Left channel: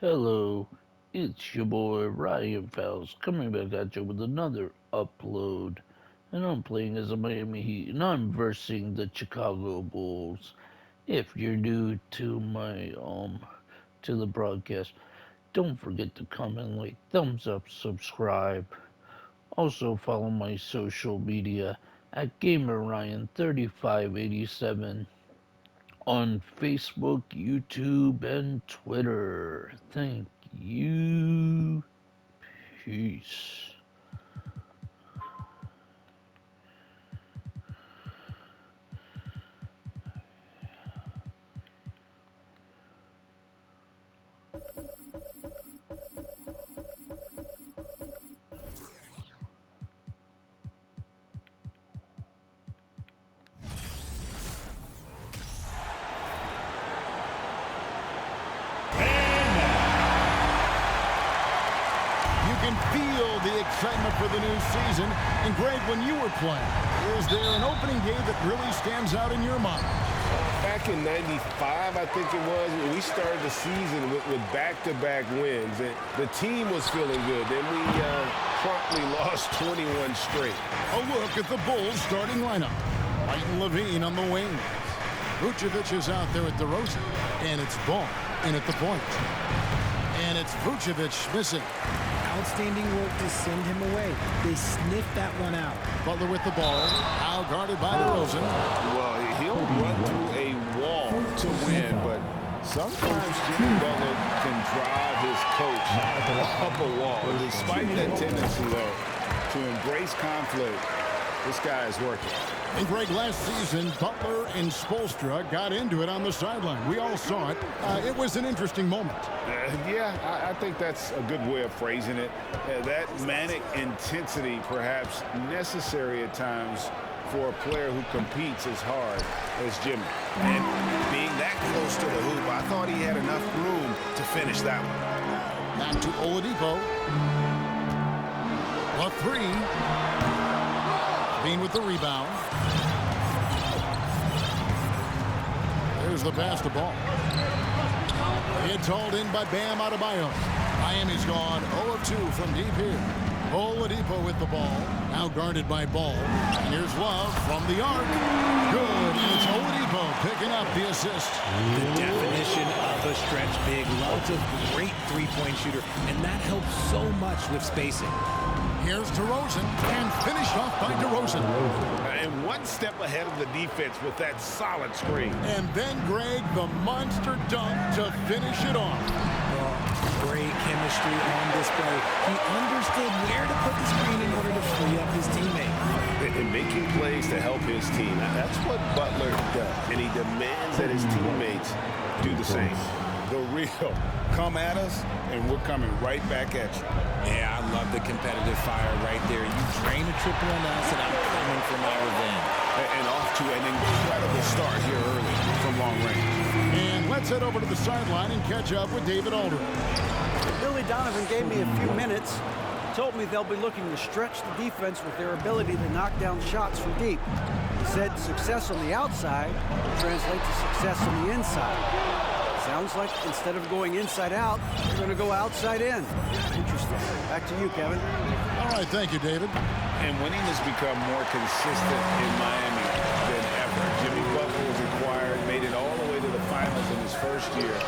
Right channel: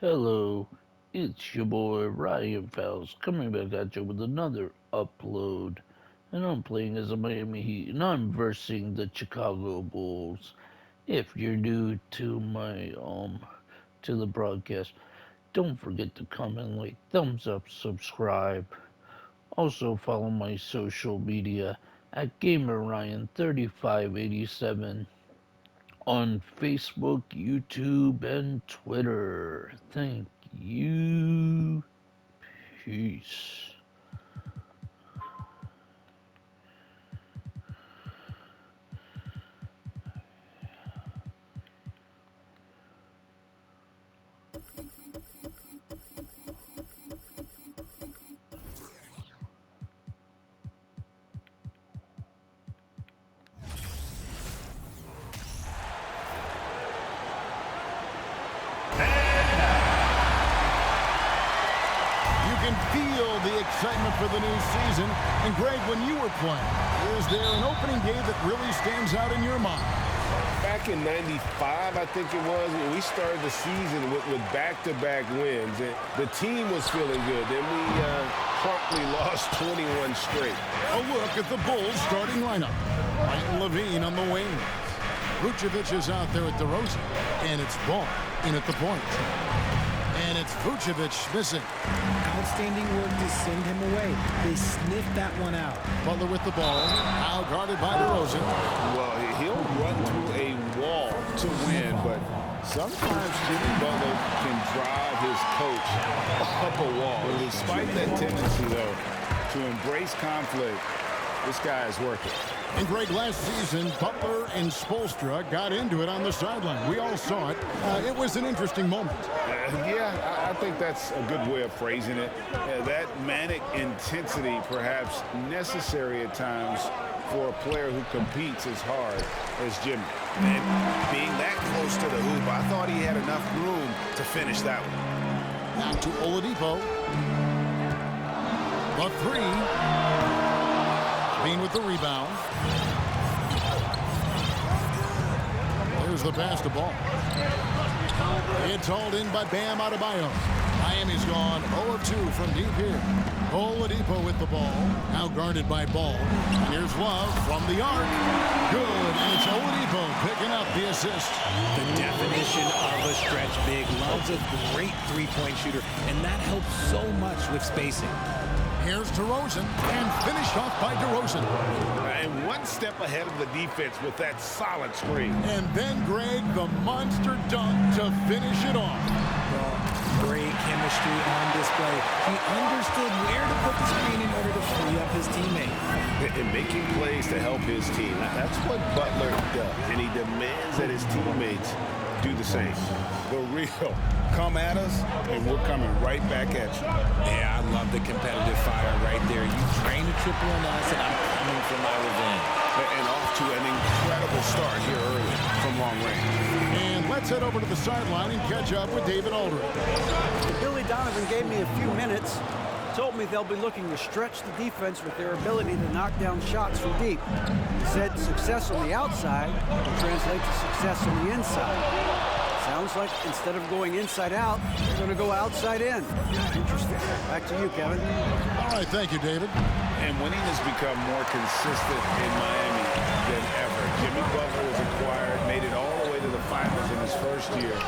Hello, it's your boy Ryan Fowles coming back at you with another upload. And I'm playing as a Miami Heat and I'm versing the Chicago Bulls. If you're new to my to the broadcast, don't forget to comment, like, thumbs up, subscribe. Also follow my social media at GamerRyan3587 on Facebook, YouTube, and Twitter. Thank you. Peace. You can feel the excitement for the new season. And Greg, when you were playing, is there an opening day that really stands out in your mind? Back in '95, I think it was, we started the season with back-to-back wins. And the team was feeling good. Then we promptly lost 21 straight. A look at the Bulls starting lineup. Martin Levine on the wings. Vucevic is out there at DeRozan. And it's Ball in at the point. And it's Vucevic missing. Outstanding work to send him away. They sniffed that one out. Butler with the ball. Now guarded by DeRozan. Well, he'll run through a wall to win, but sometimes Jimmy Butler can drive his coach up a wall. Despite that tendency, though, to embrace conflict, this guy is working. And Greg, last season, Butler and Spoelstra got into it on the sideline. We all saw it. It was an interesting moment. Yeah, I think that's a good way of phrasing it. That manic intensity, perhaps necessary at times for a player who competes as hard as Jimmy. And being that close to the hoop, I thought he had enough room to finish that one. Back to Oladipo. The three. Bean with the rebound. There's the pass to Ball. It's hauled in by Bam Adebayo. Miami's gone 0 of 2 from deep here. Oladipo with the ball. Now guarded by Ball. And here's Love from the arc. Good. And it's Oladipo picking up the assist. The definition of a stretch big. Love's a great three-point shooter, and that helps so much with spacing. Here's DeRozan, and finished off by DeRozan. And one step ahead of the defense with that solid screen. And then, Greg, the monster dunk to finish it off. Great chemistry on display. He understood where to put the screen in order to free up his teammate. And making plays to help his team. That's what Butler does, and he demands that his teammates do the same. The real come at us, and we're coming right back at you. Yeah, I love the competitive fire right there. You drain a triple on us, and I'm coming for my revenge. And off to an incredible start here early from long range. And let's head over to the sideline and catch up with David Aldridge. Billy Donovan gave me a few minutes. Told me they'll be looking to stretch the defense with their ability to knock down shots from deep. He said success on the outside will translate to success on the inside. Sounds like instead of going inside out, they're going to go outside in. Interesting. Back to you, Kevin. All right, thank you, David. And winning has become more consistent in Miami than ever. Jimmy Butler was acquired, made it all the way to the finals in his first year,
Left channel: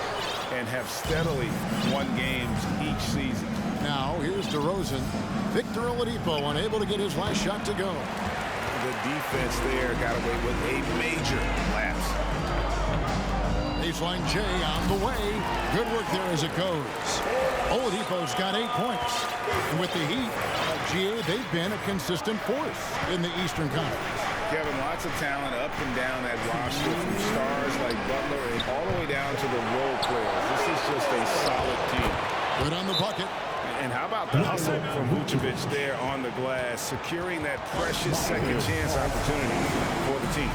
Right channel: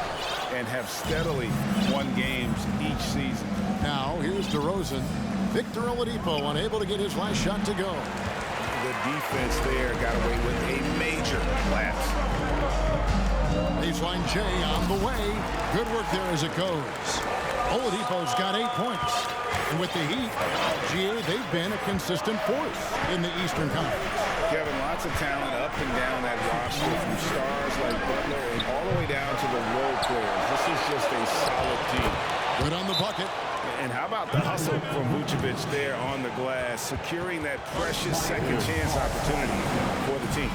and have steadily won games each season. Now, here's DeRozan. Victor Oladipo unable to get his last shot to go. The defense there got away with a major lapse. Baseline J on the way. Good work there as it goes. Oladipo's got 8 points. And with the Heat, GA, they've been a consistent force in the Eastern Conference. Kevin, lots of talent up and down that roster, from stars like Butler and all the way down to the role players. This is just a solid team. Good on the bucket. And how about the hustle from Vucevic there on the glass, securing that precious second chance opportunity for the team.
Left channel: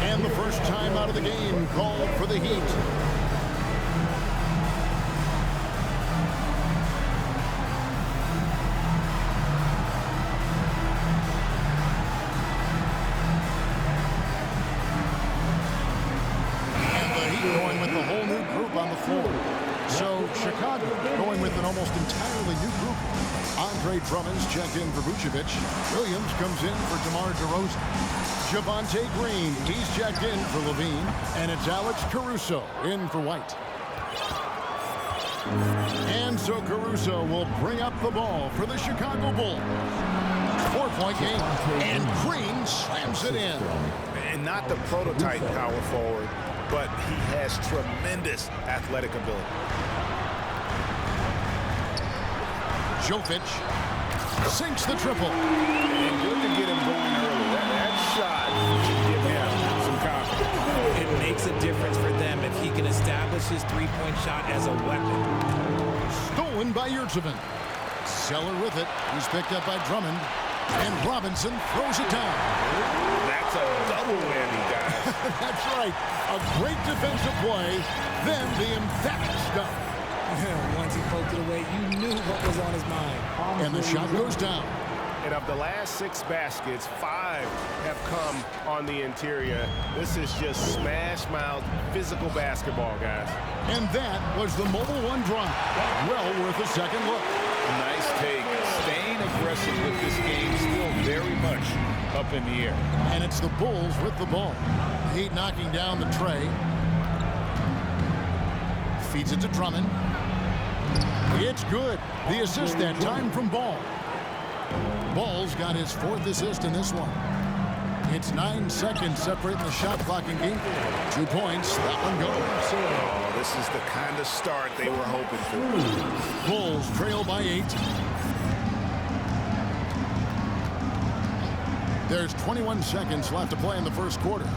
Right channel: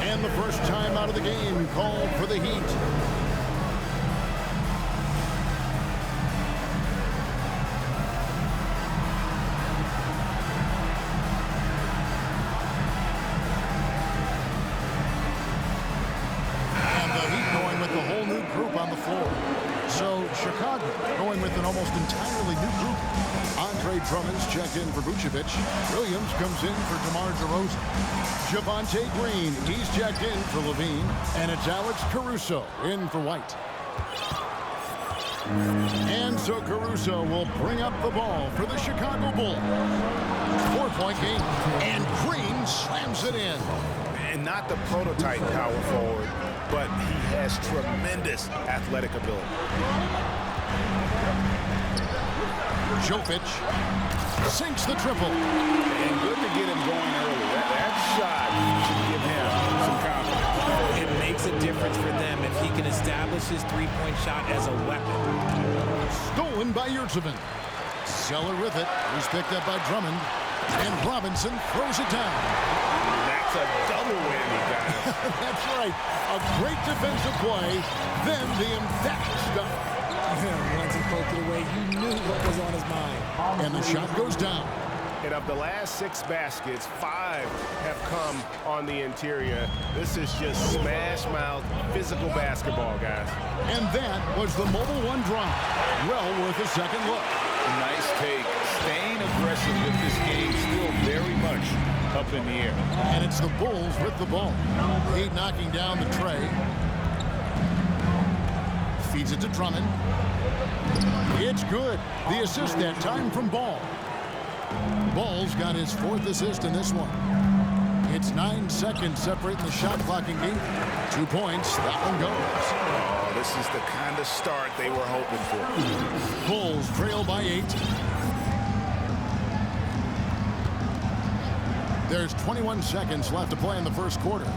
And the first time out of the game called for the Heat. And the Heat going with the whole new group on the floor. So Chicago going with an almost entirely new group. Andre Drummond's checked in for Vucevic. Williams comes in for DeMar DeRozan. Javonte Green, he's checked in for Levine. And it's Alex Caruso in for White. And so Caruso will bring up the ball for the Chicago Bulls. 4-point game. And Green slams it in. And not the prototype power forward, but he has tremendous athletic ability. Jovic sinks the triple. And good to get him going early. That shot should give him some confidence. It makes a difference for them if he can establish his three-point shot as a weapon. Stolen by Yurtseven. Zeller with it. He's picked up by Drummond. And Robinson throws it down. That's a double whammy, guys. That's right. A great defensive play. Then the emphatic stop. Once he poked it away, you knew what was on his mind. And the shot goes down. And of the last 6 baskets, 5 have come on the interior. This is just smash-mouth physical basketball, guys. And that was the Mobile One drive. Well worth a second look. A nice take. Staying aggressive with this game, still very much up in the air. And it's the Bulls with the ball. The Heat knocking down the tray. Feeds it to Drummond. It's good. The assist that time from Ball. Ball's got his 4th assist in this one. It's 9 seconds separating the shot clock and game. 2 points. That one goes. Oh, this is the kind of start they were hoping for. Bulls trail by 8. There's 21 seconds left to play in the first quarter.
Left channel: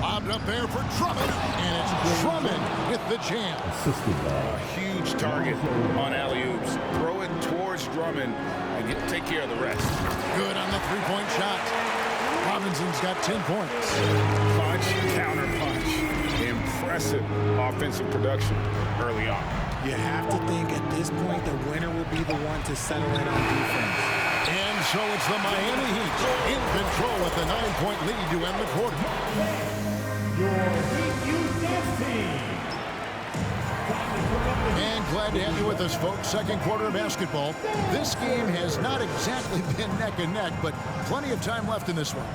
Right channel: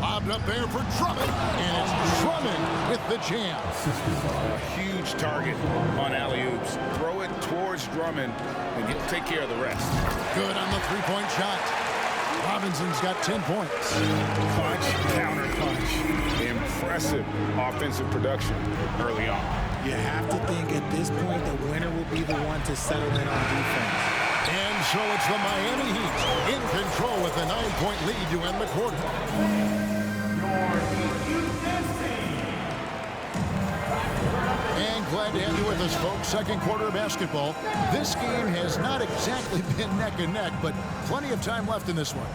Lobbed up there for Drummond, and it's Drummond with the jam. A huge target on alley-oops. Throw it towards Drummond, and he'll take care of the rest. Good on the three-point shot. Robinson's got 10 points. Punch, counter punch. Impressive offensive production early on. You have to think at this point the winner will be the one to settle in on defense. And so it's the Miami Heat in control with a 9-point lead to end the quarter. And glad to have you with us, folks. Second quarter of basketball. This game has not exactly been neck and neck, but plenty of time left in this one.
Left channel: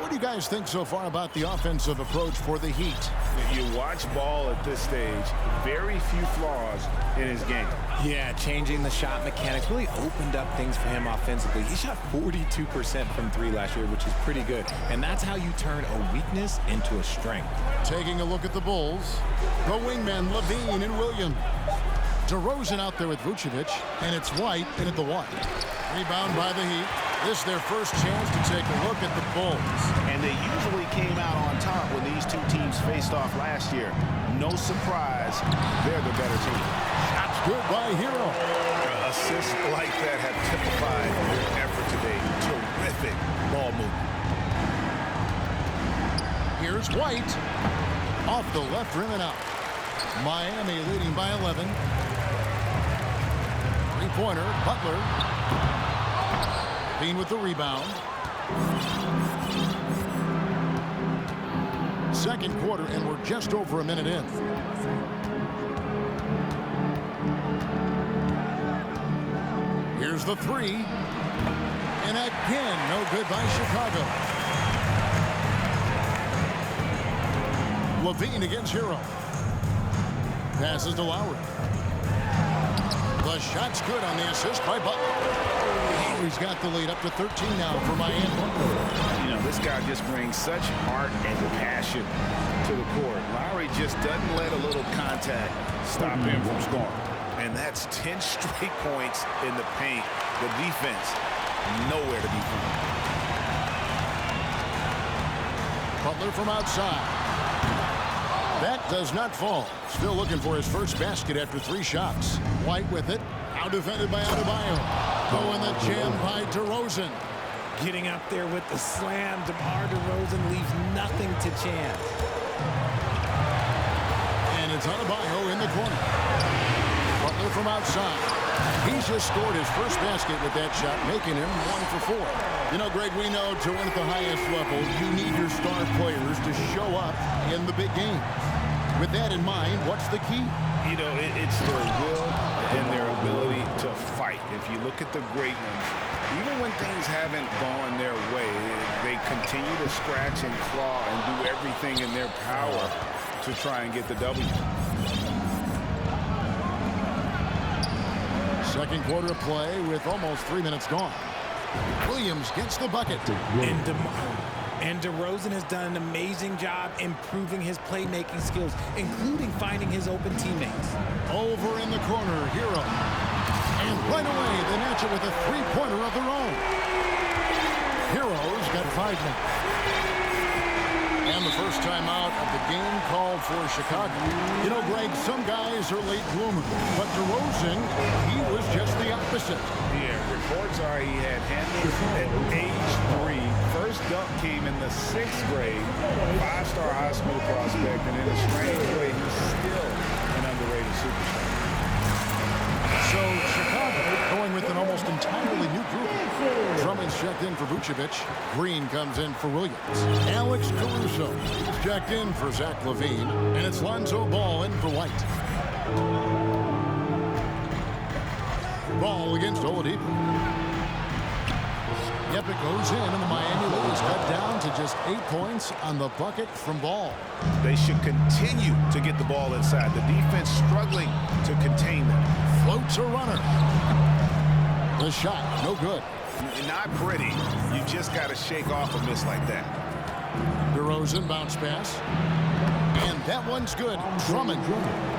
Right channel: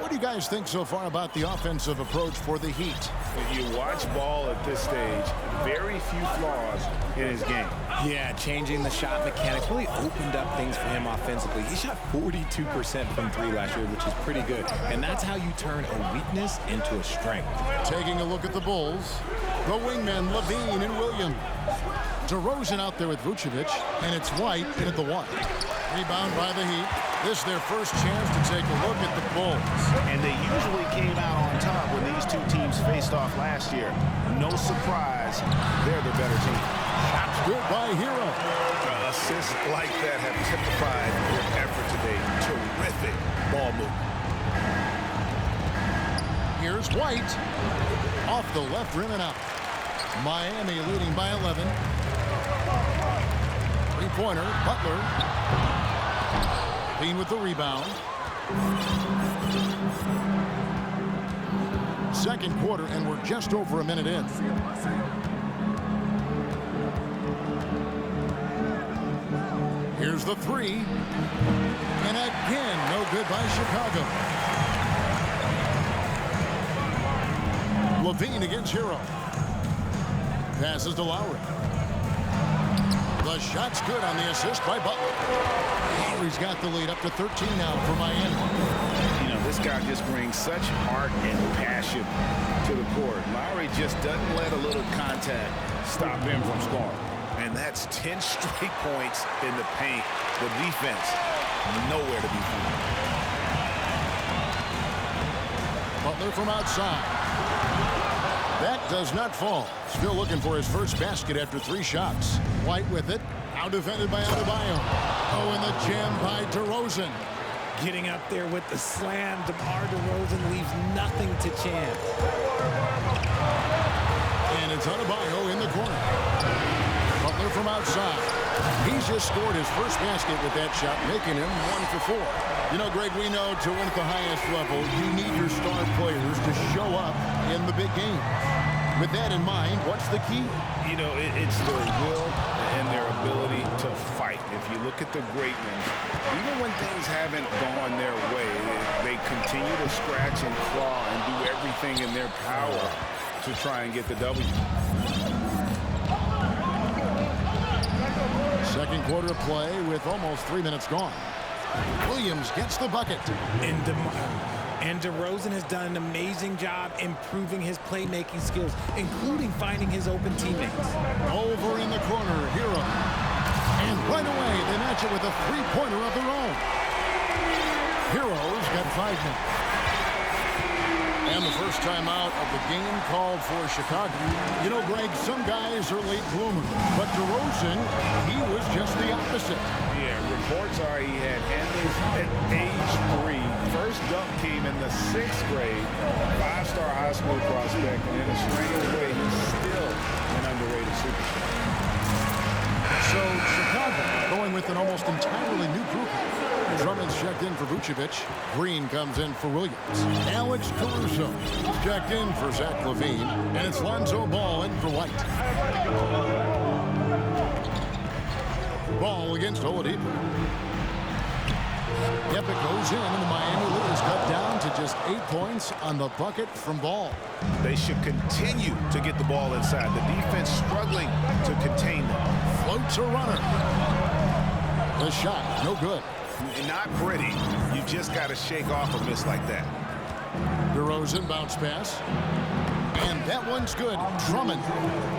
What do you guys think so far about the offensive approach for the Heat? You watch Ball at this stage, very few flaws in his game. Yeah, changing the shot mechanics really opened up things for him offensively. He shot 42% from 3 last year, which is pretty good. And that's how you turn a weakness into a strength. Taking a look at the Bulls, the wingmen Levine and Williams. DeRozan out there with Vucevic, and it's White in at the 1. Rebound by the Heat. This is their first chance to take a look at the Bulls. And they usually came out on top when these two teams faced off last year. No surprise, they're the better team. Shots good by Hero. Assists like that have typified their effort today. Terrific ball movement. Here's White. Off the left rim and out. Miami leading by 11. Three-pointer, Butler. Bean with the rebound. Second quarter, and we're just over a minute in. Here's the 3. And again, no good by Chicago. Levine against Hero. Passes to Lowry. The shot's good on the assist by Butler. Lowry's got the lead up to 13 now for Miami. You know, this guy just brings such heart and passion to the court. Lowry just doesn't let a little contact stop him from scoring. And that's 10 straight points in the paint. The defense, nowhere to be found. Butler from outside. That does not fall. Still looking for his first basket after 3 shots. White with it. Now defended by Adebayo. Oh, and the jam by DeRozan. Getting up there with the slam, DeMar DeRozan leaves nothing to chance. And it's Adebayo in the corner. Butler from outside. He's just scored his first basket with that shot, making him 1 for 4. You know, Greg, we know to win at the highest level, you need your star players to show up in the big games. With that in mind, what's the key? You know, it's their will and their ability to fight. If you look at the great ones, even when things haven't gone their way, they continue to scratch and claw and do everything in their power to try and get the W. Second quarter of play with almost 3 minutes gone. Williams gets the bucket. And DeRozan has done an amazing job improving his playmaking skills, including finding his open teammates. Over in the corner, Hero. And right away, they match it with a three-pointer of their own. Hero's got 5 now. And the first time out of the game called for Chicago. You know, Greg, some guys are late bloomers, but DeRozan, he was just the opposite. Yeah, reports are he had handles at age 3. First dunk came in the 6th grade. 5-star high school prospect, and in a strange way, he's still an underrated superstar. So Chicago going with an almost entirely new group. Drummond's checked in for Vucevic. Green comes in for Williams. Alex Caruso is checked in for Zach LaVine. And it's Lonzo Ball in for White. Ball against Oladipo. Yep, it goes in, and the Miami lead is cut down to just 8 points on the bucket from Ball. They should continue to get the ball inside. The defense struggling to contain them. Floats a runner. The shot, no good. Not pretty. You just got to shake off a miss like that. DeRozan bounce pass. And that one's good. Drummond.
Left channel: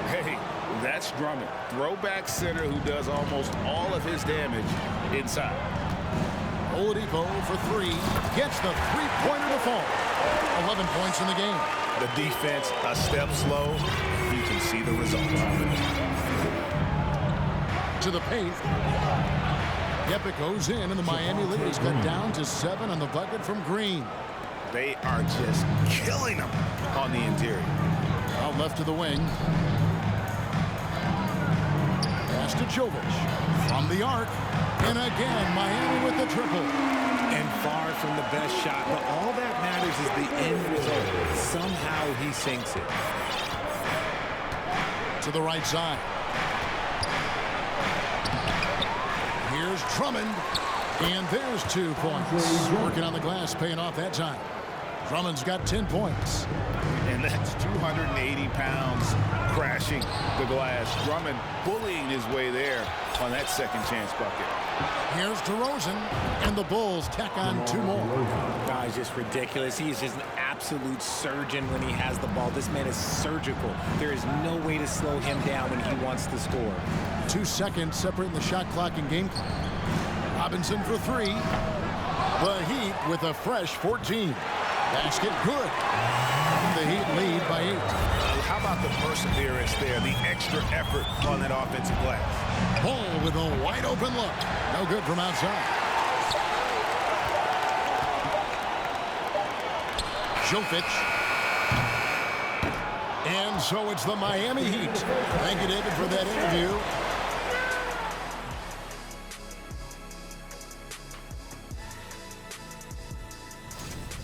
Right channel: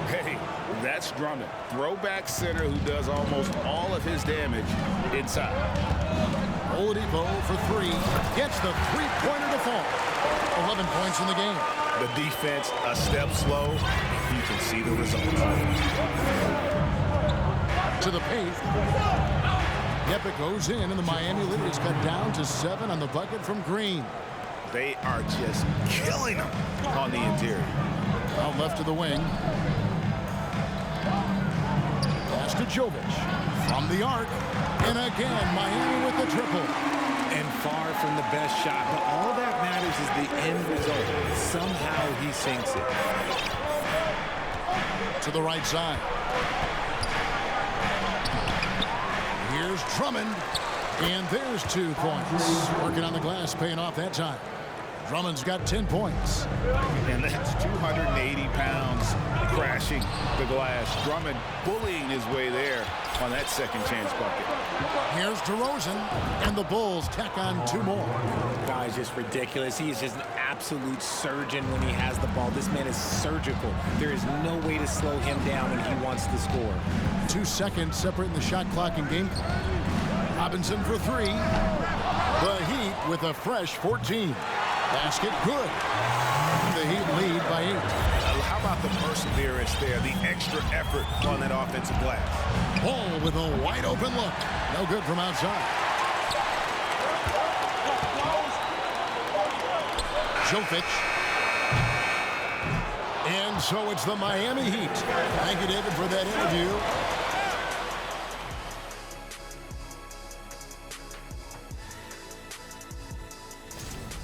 Hey, that's Drummond. Throwback center who does almost all of his damage inside. Oladipo for 3. Gets the three-pointer to fall. 11 points in the game. The defense a step slow. You can see the result. To the paint. Yep, it goes in, and the Miami lead is cut down to 7 on the bucket from Green. They are just killing them on the interior. Out left to the wing. Pass to Jovic. From the arc. And again, Miami with the triple. And far from the best shot, but all that matters is the end result. Somehow he sinks it. To the right side. Here's Drummond. And there's 2 points. Working on the glass, paying off that time. Drummond's got 10 points. And that's 280 pounds crashing the glass. Drummond bullying his way there on that second chance bucket. Here's DeRozan, and the Bulls tack on 2 more. Guy's just ridiculous. He is just an absolute surgeon when he has the ball. This man is surgical. There is no way to slow him down when he wants to score. 2 seconds separating the shot clock and game clock. Robinson for 3. The Heat with a fresh 14. Basket good. The Heat lead by 8. How about the perseverance there, the extra effort on that offensive glass? Ball with a wide open look. No good from outside. Jovic. And so it's the Miami Heat. Thank you, David, for that interview.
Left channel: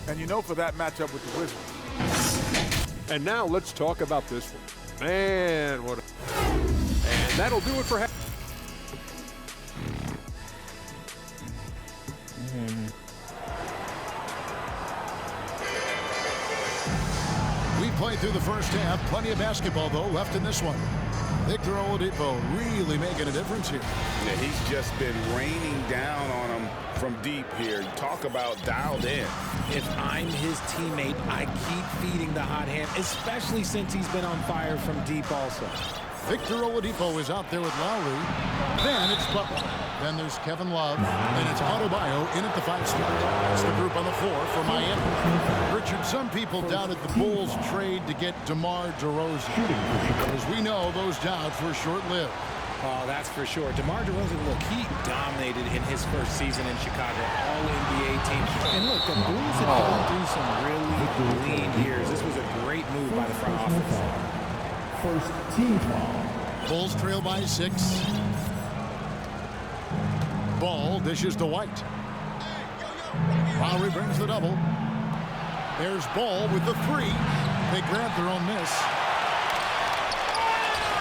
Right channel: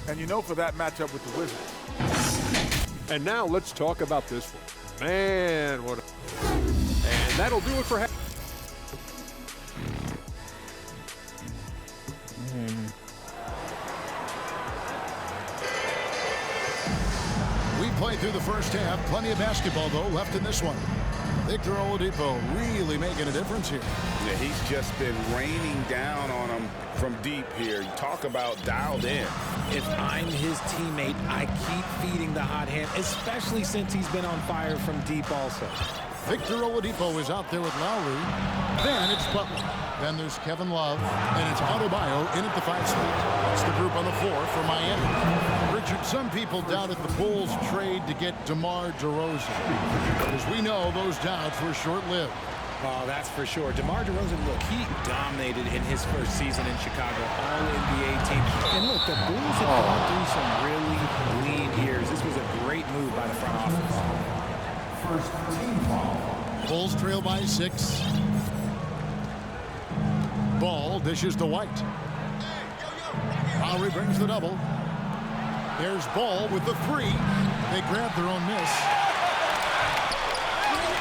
And you know, for that matchup with the Wizards. And now let's talk about this one. Man, what a... And that'll do it for... We played through the first half. Plenty of basketball, though, left in this one. Victor Oladipo really making a difference here. Yeah, he's just been raining down on him from deep here. You talk about dialed in. If I'm his teammate, I keep feeding the hot hand, especially since he's been on fire from deep also. Victor Oladipo is out there with Lowry. Then it's Butler. Then there's Kevin Love. And it's Adebayo in at the 5 spot. That's the group on the floor for Miami. Richard, some people doubted the Bulls trade to get DeMar DeRozan. But as we know, those doubts were short-lived. Oh, that's for sure. DeMar DeRozan, look, he dominated in his first season in Chicago, all-NBA team. And look, the Bulls have gone through some really lean years. This was a great move by the front office. First team foul. Bulls trail by 6. Ball dishes to White. Lowry brings the double. There's Ball with the 3. They grab their own miss.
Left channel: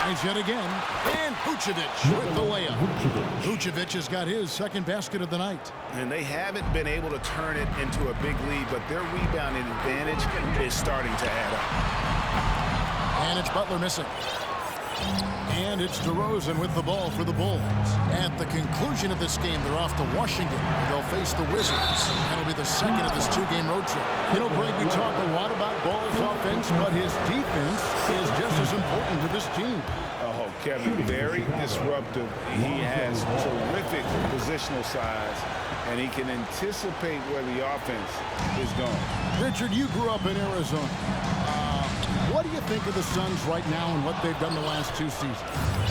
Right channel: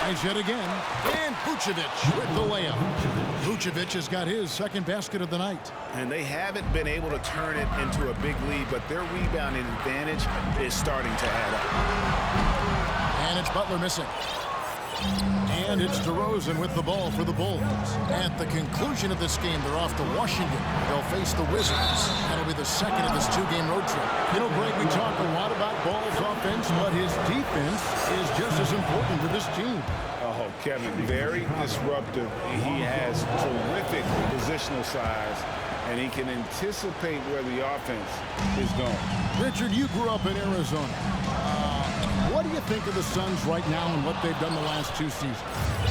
Tries yet again. And Vucevic with the layup. Vucevic has got his second basket of the night. And they haven't been able to turn it into a big lead, but their rebounding advantage is starting to add up. And it's Butler missing. And it's DeRozan with the ball for the Bulls. At the conclusion of this game, they're off to Washington, where they'll face the Wizards. That'll be the second of this two-game road trip. You know, Greg, we talk a lot about Ball's offense, but his defense is just as important to this team. Oh, Kevin, very disruptive. He has terrific positional size, and he can anticipate where the offense is going. Richard, you grew up in Arizona. What do you think of the Suns right now and what they've done the last two seasons?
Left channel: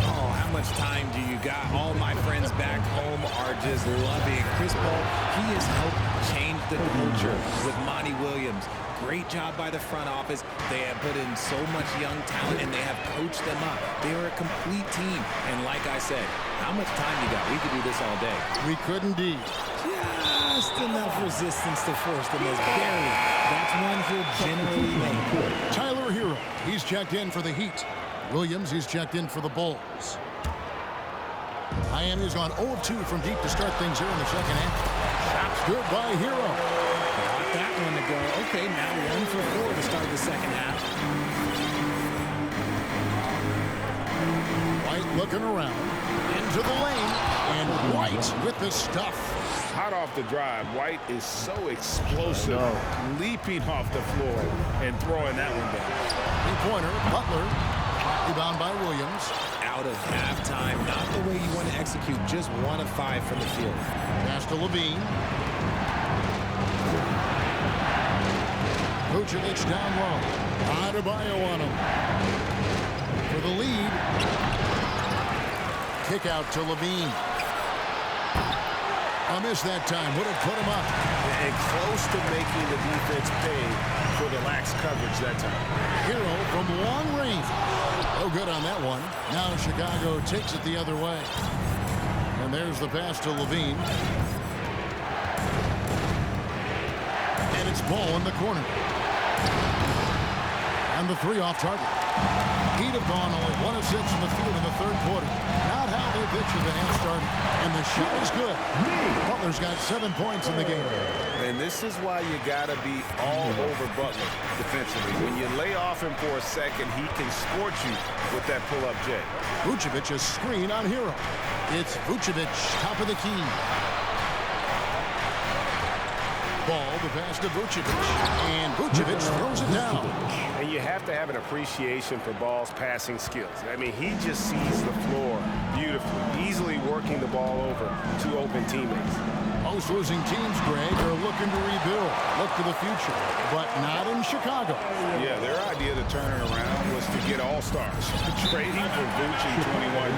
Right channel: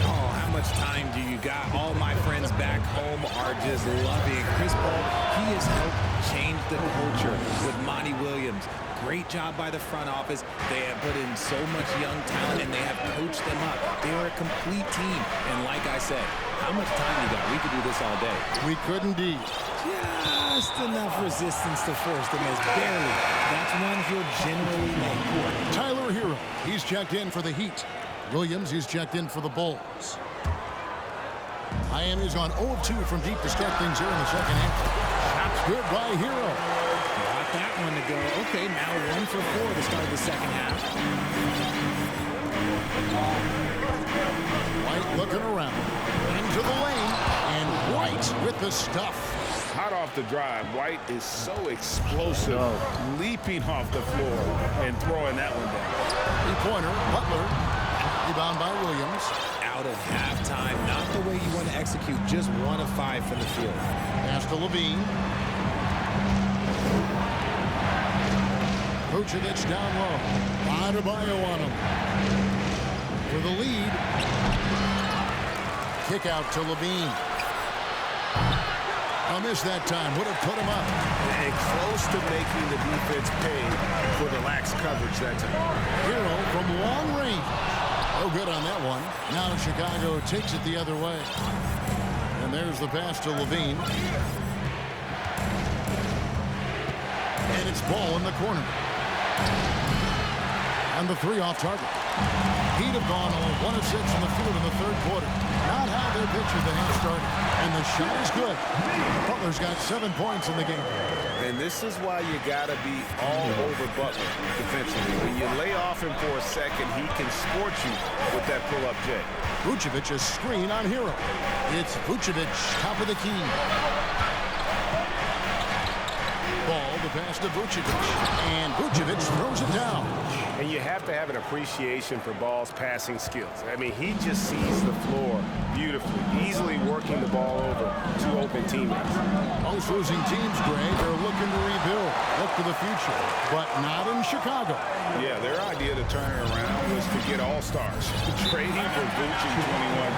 Oh, how much time do you got? All my friends back home are just loving it. Chris Paul, he has helped change the culture with Monty Williams. Great job by the front office. They have put in so much young talent, and they have coached them up. They are a complete team. And like I said, how much time you got? We could do this all day. We could indeed. Just enough resistance to force them as barely. That's one he'll generally make. Tyler Hero, he's checked in for the Heat. Williams, he's checked in for the Bulls. Miami's gone 0 of 2 from deep to start things here in the second half. Shots good by Hero. Got that one to go. Okay, now 1 for 4 to start the second half. White looking around. Into the lane. And White with the stuff. Hot off the drive, White is so explosive, leaping off the floor and throwing that one down. Three-pointer, Butler. Rebound by Williams. Out of halftime, not the way you want to execute, just 1 of 5 from the field. Pass to Levine. Vucevic down low. Adebayo on him. For the lead. Kick out to Levine. A miss that time. Would have put him up. And close to making the defense pay for the lax coverage that time. Hero from long range. No good on that one. Now Chicago takes it the other way. And there's the pass to Levine. And it's Ball in the corner. And the 3 off target. He'd have gone only 1 of 6 from the field in the third quarter. Not how they pictured the half started. And the shot is good. Butler's got 7 points in the game. And this is why you got to be all over Butler defensively. When you lay off him for a second, he can scorch you with that pull-up J. Vucevic, a screen on Hero. It's Vucevic, top of the key. Ball, the pass to Vucevic. And Vucevic throws it down. And you have to have an appreciation for Ball's passing skills. I mean, he just sees the floor beautifully, easily working the ball over to open teammates. Most losing teams, Greg, are looking to rebuild, look to the future, but not in Chicago. Yeah, their idea to turn it around was to get all-stars. Trading for Vooch in 21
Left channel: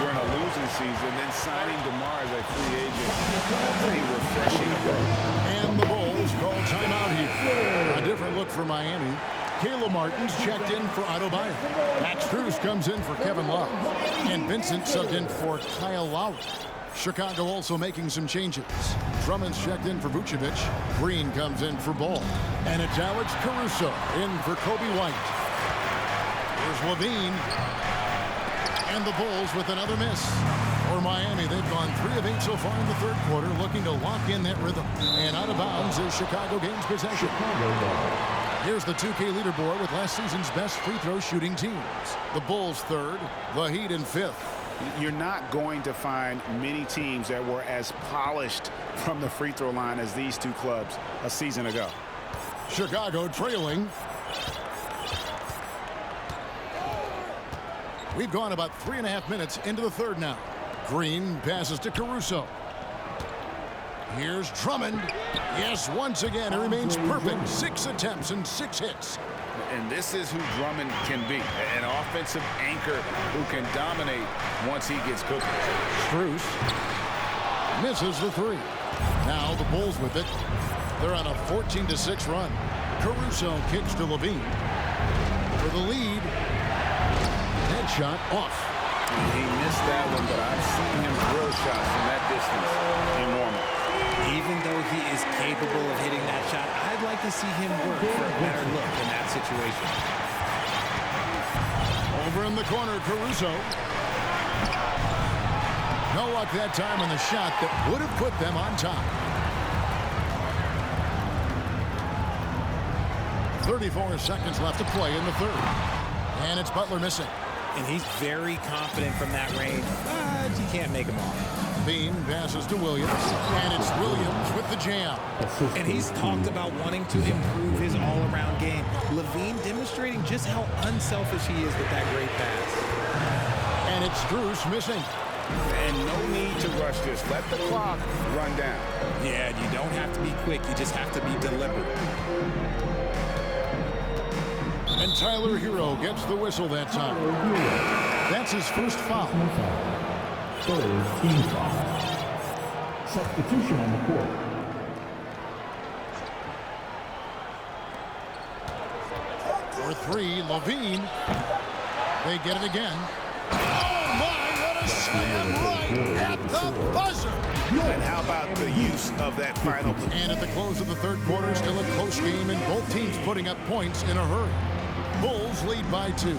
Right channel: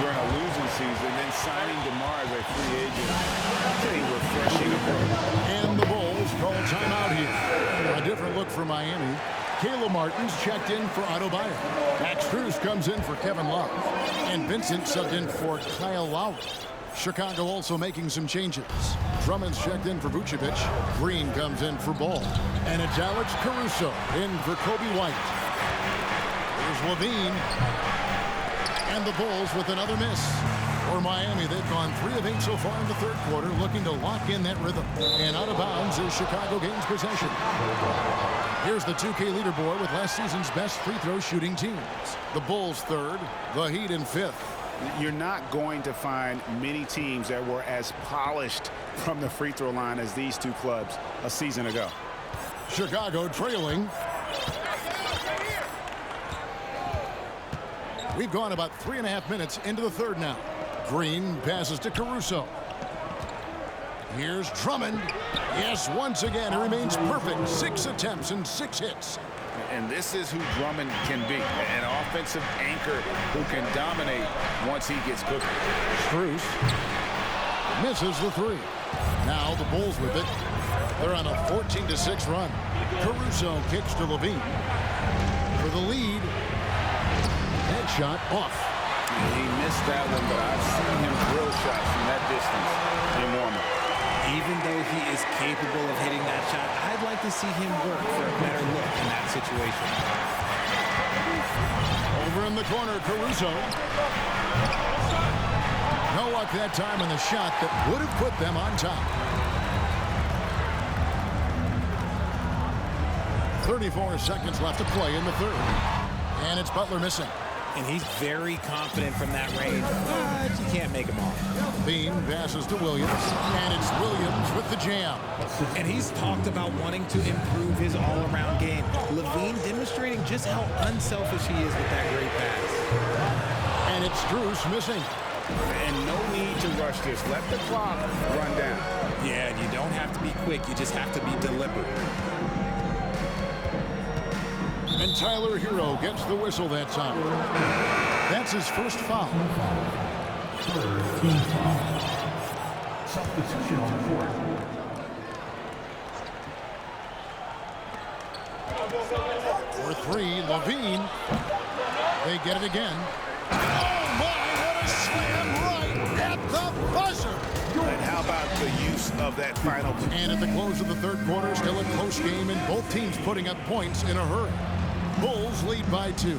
during a losing season, then signing DeMar as a free agent. That's a refreshing approach. And the Bulls call timeout here. A different look for Miami. Caleb Martin's checked in for Adebayo. Max Strus comes in for Kevin Love. And Vincent subbed in for Kyle Lowry. Chicago also making some changes. Drummond's checked in for Vucevic. Green comes in for Ball. And it's Alex Caruso in for Kobe White. Here's Levine. And the Bulls with another miss. For Miami, they've gone 3 of 8 so far in the third quarter, looking to lock in that rhythm. And out of bounds is Chicago gains possession. Here's the 2K leaderboard with last season's best free throw shooting teams. The Bulls third, the Heat in 5th. You're not going to find many teams that were as polished from the free throw line as these two clubs a season ago. Chicago trailing. We've gone about 3.5 minutes into the third now. Green passes to Caruso. Here's Drummond. Yes, once again, he remains perfect. 6 attempts and 6 hits. And this is who Drummond can be, an offensive anchor who can dominate once he gets cooking. Strus misses the 3. Now the Bulls with it. They're on a 14-6 run. Caruso kicks to Levine. For the lead. Headshot off. He missed that one, but I've seen him drill shots from that distance in warm-up. Even though he is capable of hitting that shot, I'd like to see him work for a better look in that situation. Over in the corner, Caruso. No luck that time on the shot that would have put them on top. 34 seconds left to play in the third. And it's Butler missing. And he's very confident from that range, but you can't make him off. Bean passes to Williams, and it's Williams with the jam. And he's talked about wanting to improve his all-around game. LaVine demonstrating just how unselfish he is with that great pass. And it's Strus missing. And no need to rush this. Let the clock run down. Yeah, you don't have to be quick. You just have to be deliberate. And Tyler Hero gets the whistle that time. That's his first foul. Third team foul. Substitution on the court. For three, LaVine. They get it again. Oh my, what a slam right at the buzzer. And how about the use of that final? And at the close of the third quarter, still a close game and both teams putting up points in a hurry. Bulls lead by 2.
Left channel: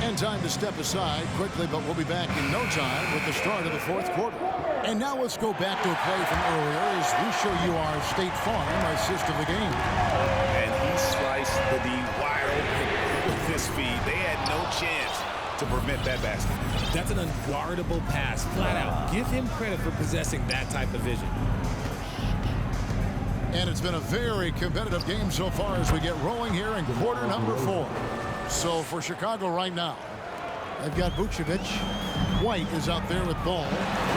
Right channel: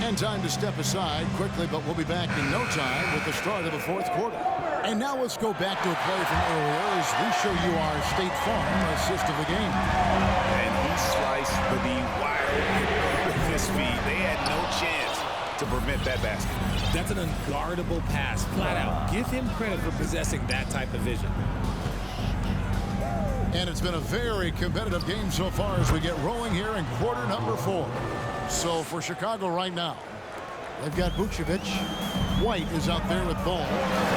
And time to step aside quickly, but we'll be back in no time with the start of the fourth quarter. And now let's go back to a play from earlier as we show you our State Farm assist of the game. And he sliced the D wide open with his feet. They had no chance to prevent that basket. That's an unguardable pass, flat out. Give him credit for possessing that type of vision. And it's been a very competitive game so far as we get rolling here in quarter number 4. So for Chicago right now, they've got Vucevic. White is out there with ball,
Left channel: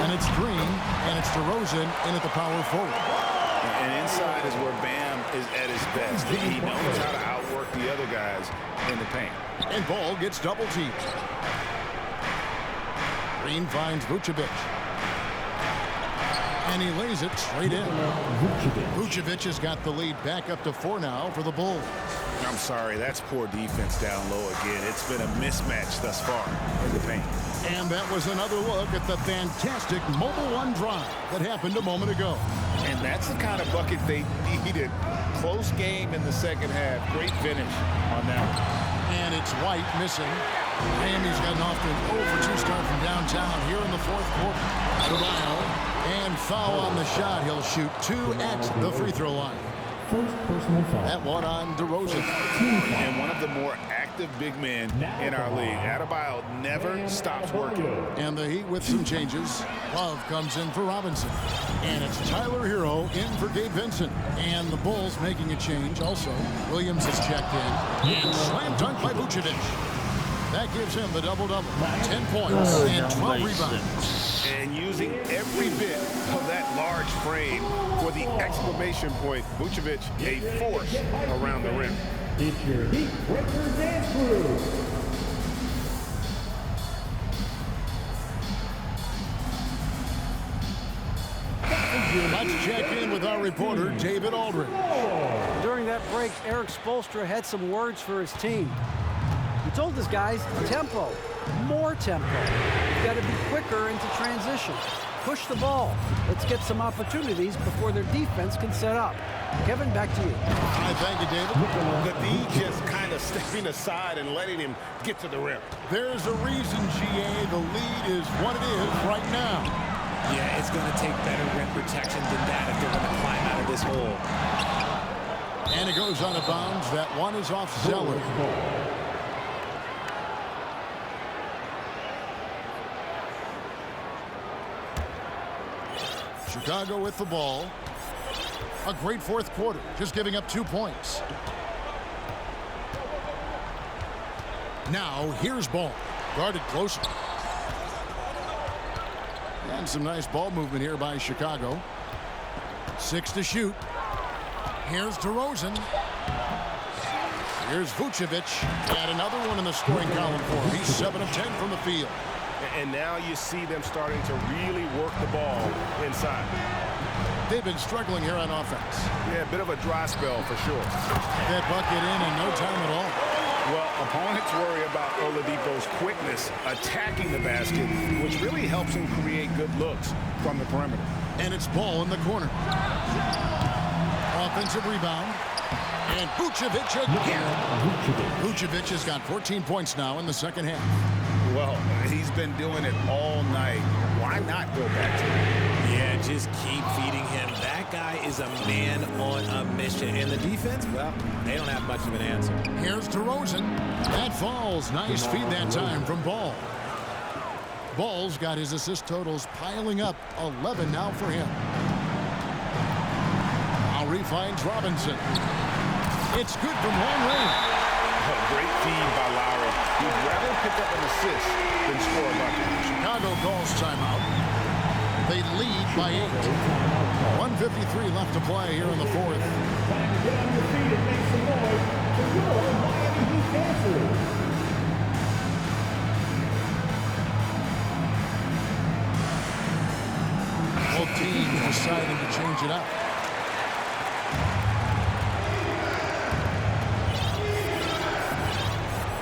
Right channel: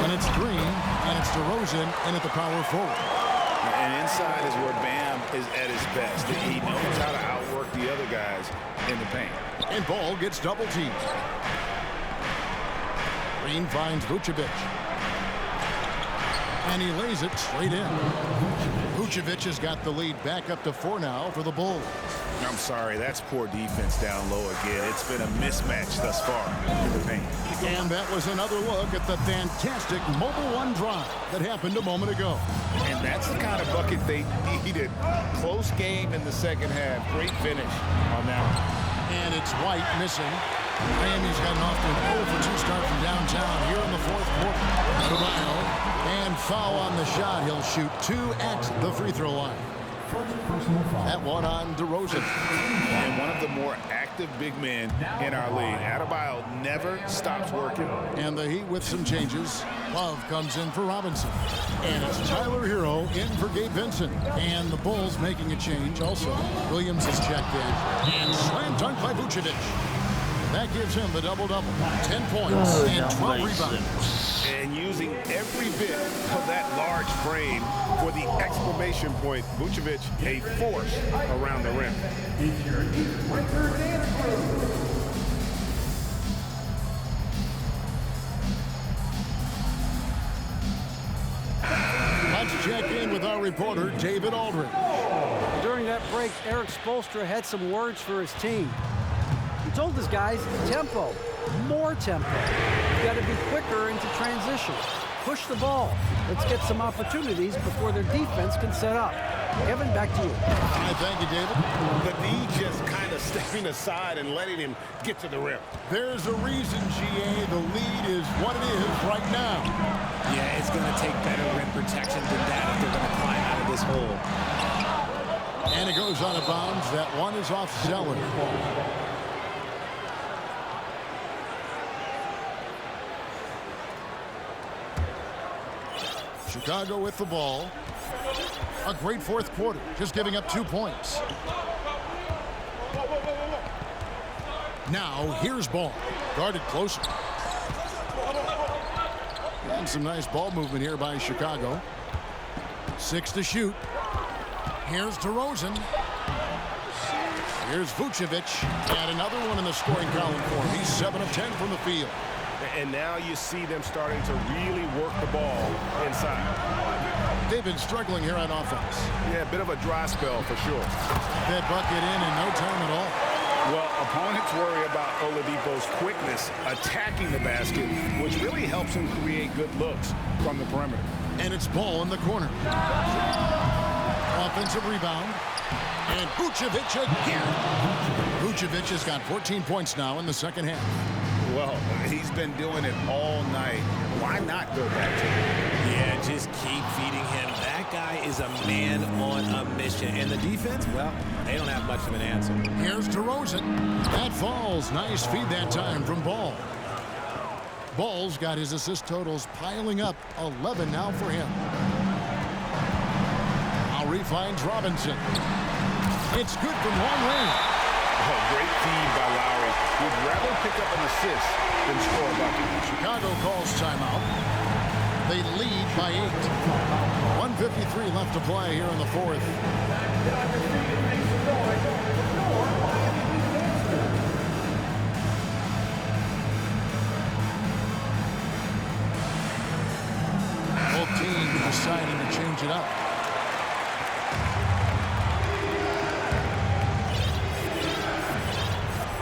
and it's Green, and it's DeRozan in at the power forward. And inside is where Bam is at his best. He knows how to outwork the other guys in the paint. And Ball gets double teamed. Green finds Vucevic. And he lays it straight in. Vucevic has got the lead back up to 4 now for the Bulls. I'm sorry, that's poor defense down low again. It's been a mismatch thus far in the paint. And that was another look at the fantastic Mobile One drive that happened a moment ago. And that's the kind of bucket they needed. Close game in the second half. Great finish on that one. And it's White missing. Miami's gotten off to an 0 for 2 start from downtown here in the fourth quarter. Adebayo, and foul on the shot. He'll shoot 2 at the free throw line. First personal foul. That one on DeRozan. And one of the more active big men in our league. Adebayo never stops working. And the Heat with some changes. Love comes in for Robinson. And it's Tyler Hero in for Gabe Vincent. And the Bulls making a change also. Williams is checked in. And slam dunk by Vucevic. That gives him the double-double. 10 points and 12 rebounds. And using every bit of that large frame for the exclamation point, Vucevic, a force around the rim. It's your Heat Breaker Dance Crew. Let's check in with our reporter, David Aldridge. During that break, Eric Spoelstra had some words for his team. He told his guys, tempo, more tempo. You've got to be quicker into transition. Push the ball. Let's get some opportunities before their defense can set up. Kevin, back to you. I thank you, David. The D just kind of stepping aside and letting him get to the rim. There's a reason, GA, the lead is what it is right now. Yeah, it's going to take better rim protection than that if they're going to climb out of this hole. And it goes out of bounds. That one is off Zeller. Chicago with the ball. A great fourth quarter, just giving up 2 points. Now, here's Ball. Guarded closer. And some nice ball movement here by Chicago. 6 to shoot. Here's DeRozan. Here's Vucevic. And another one in the scoring column for him. He's 7 of 10 from the field. And now you see them starting to really work the ball inside. They've been struggling here on offense. Yeah, a bit of a dry spell for sure. That bucket in no time at all. Well, opponents worry about Oladipo's quickness attacking the basket, which really helps him create good looks from the perimeter. And it's Ball in the corner. Offensive rebound. And Vucevic again. Vucevic has got 14 points now in the second half. Well, he's been doing it all night. Why not go back to it? Yeah, just keep feeding him. That guy is a man on a mission. And the defense, well, they don't have much of an answer. Here's DeRozan. That falls. Nice feed that time from Ball. Ball's got his assist totals piling up. 11 now for him. Lowry finds Robinson. It's good from long range. Oh, great feed by Lowry. He'd rather pick up an assist than score a bucket. Chicago calls timeout. They lead by 8. 1:53 left to play here in the fourth. Time to get on your feet and make some noise. Your Miami Heat dancers. Both teams deciding to change it up.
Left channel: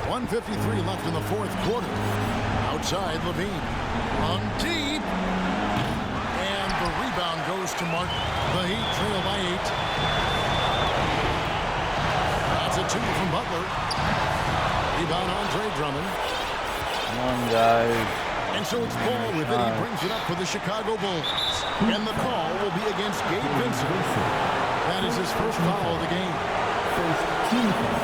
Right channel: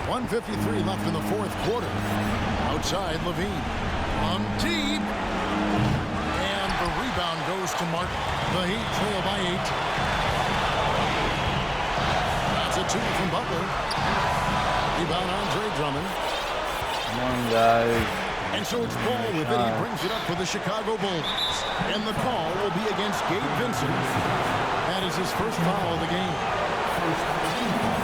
.153 left in the fourth quarter. Outside, Levine. On deep. And the rebound goes to Martin. The Heat trail by 8. That's a 2 from Butler. Rebound, Andre Drummond. Come on, guys. And so it's Ball with it. He brings it up for the Chicago Bulls. And the call will be against Gabe Vincent. That is his first foul of the game. First team foul.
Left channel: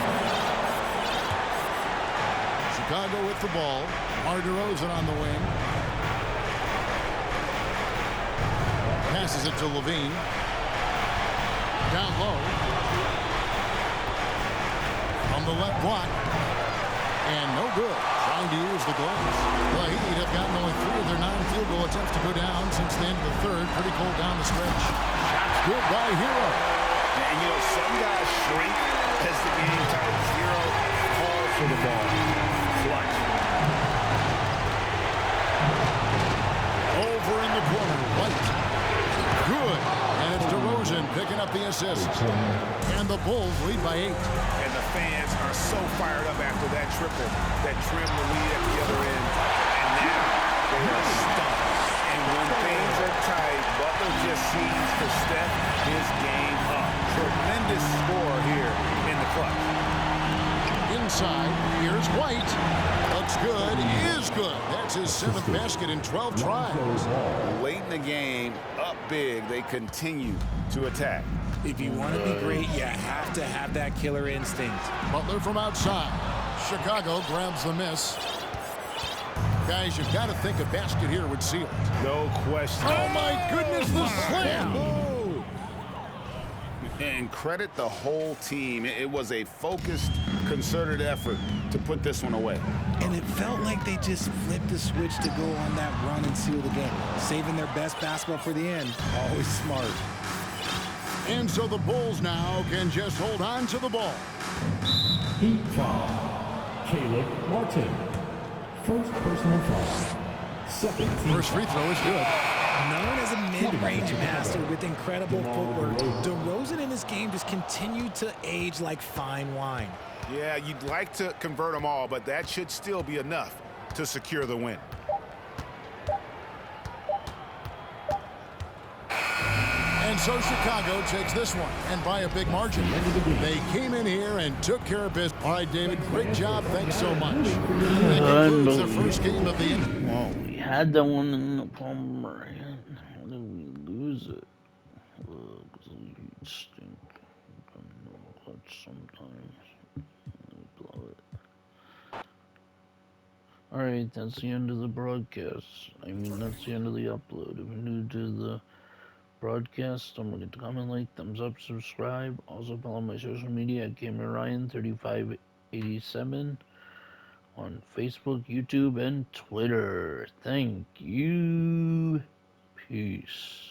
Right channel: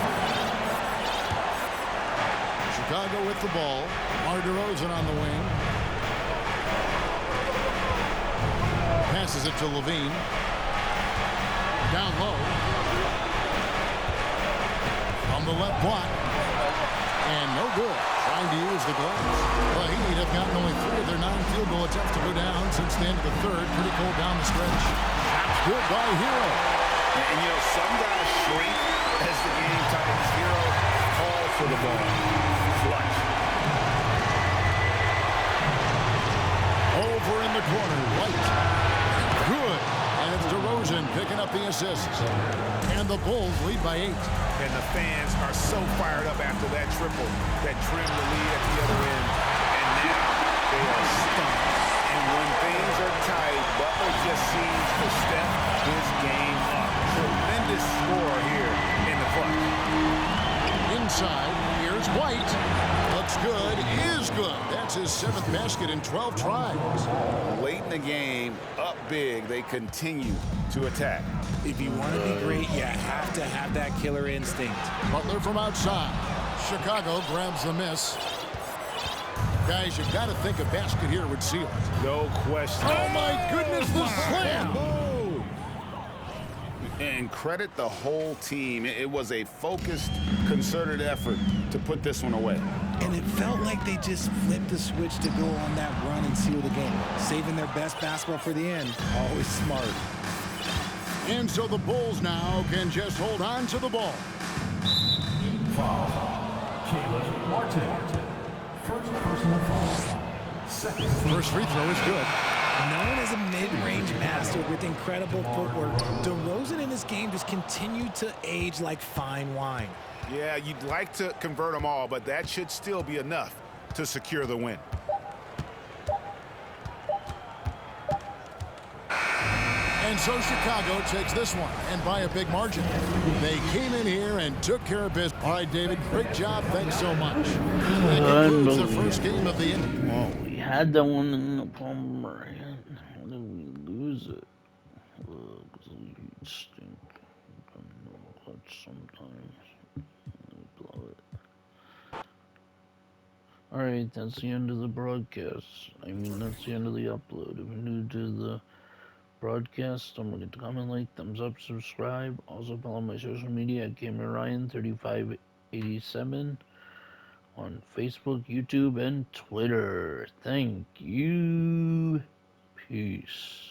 Chicago with the ball. Mar DeRozan on the wing. Passes it to Levine. Down low. From the left block. And no good. Trying to use the glass. The Heat have gotten only 3 of their 9 field goal attempts to go down since the end of the third. Pretty cold down the stretch. Shots good by Hero. And you know, some guys shrink as the game tightens. Hero calls for the ball. Clutch. Over in the corner, White. Good. And it's DeRozan picking up the assist. And the Bulls lead by 8. And the fans are so fired up after that triple that trimmed the lead at the other end. And now they are stunned. And when things are tight, Butler just seems to step his game up. Tremendous score here in the clutch. Inside, here's White. Looks good, is good. That's his 7th basket in 12 tries. Late in the game, up big, they continue to attack. If you want to be great, you have to have that killer instinct. Butler from outside. Chicago grabs the miss. Guys, you've got to think a basket here would seal it. No question. Oh, my goodness, the slam. And credit the whole team. It was a focused, concerted effort to put this one away. And it felt like they just flipped the switch to go on that run and seal the game. Saving their best basketball for the end. Always smart. And so the Bulls now can just hold on to the ball. Heat foul. Caleb Martin. First personal foul. Second team. First free throw is good. Known as a mid-range master with incredible footwork, DeRozan in this game just continued to age like fine wine. Yeah, you'd like to convert them all, but that should still be enough to secure the win. And so Chicago takes this one, and by a big margin. They came in here and took care of business. All right, David, great job. Thanks so much. That concludes the first game of the inning. Well, we had that one in the Palmer. How did we lose it? Because we stink. Clutch sometimes. We blow it. Alright, that's the end of the broadcast. I mean, that's the end of the upload. If you're new to the broadcast, don't forget to comment, like, thumbs up, subscribe. Also follow my social media at GamerRyan3587 on Facebook, YouTube, and Twitter. Thank you. Peace.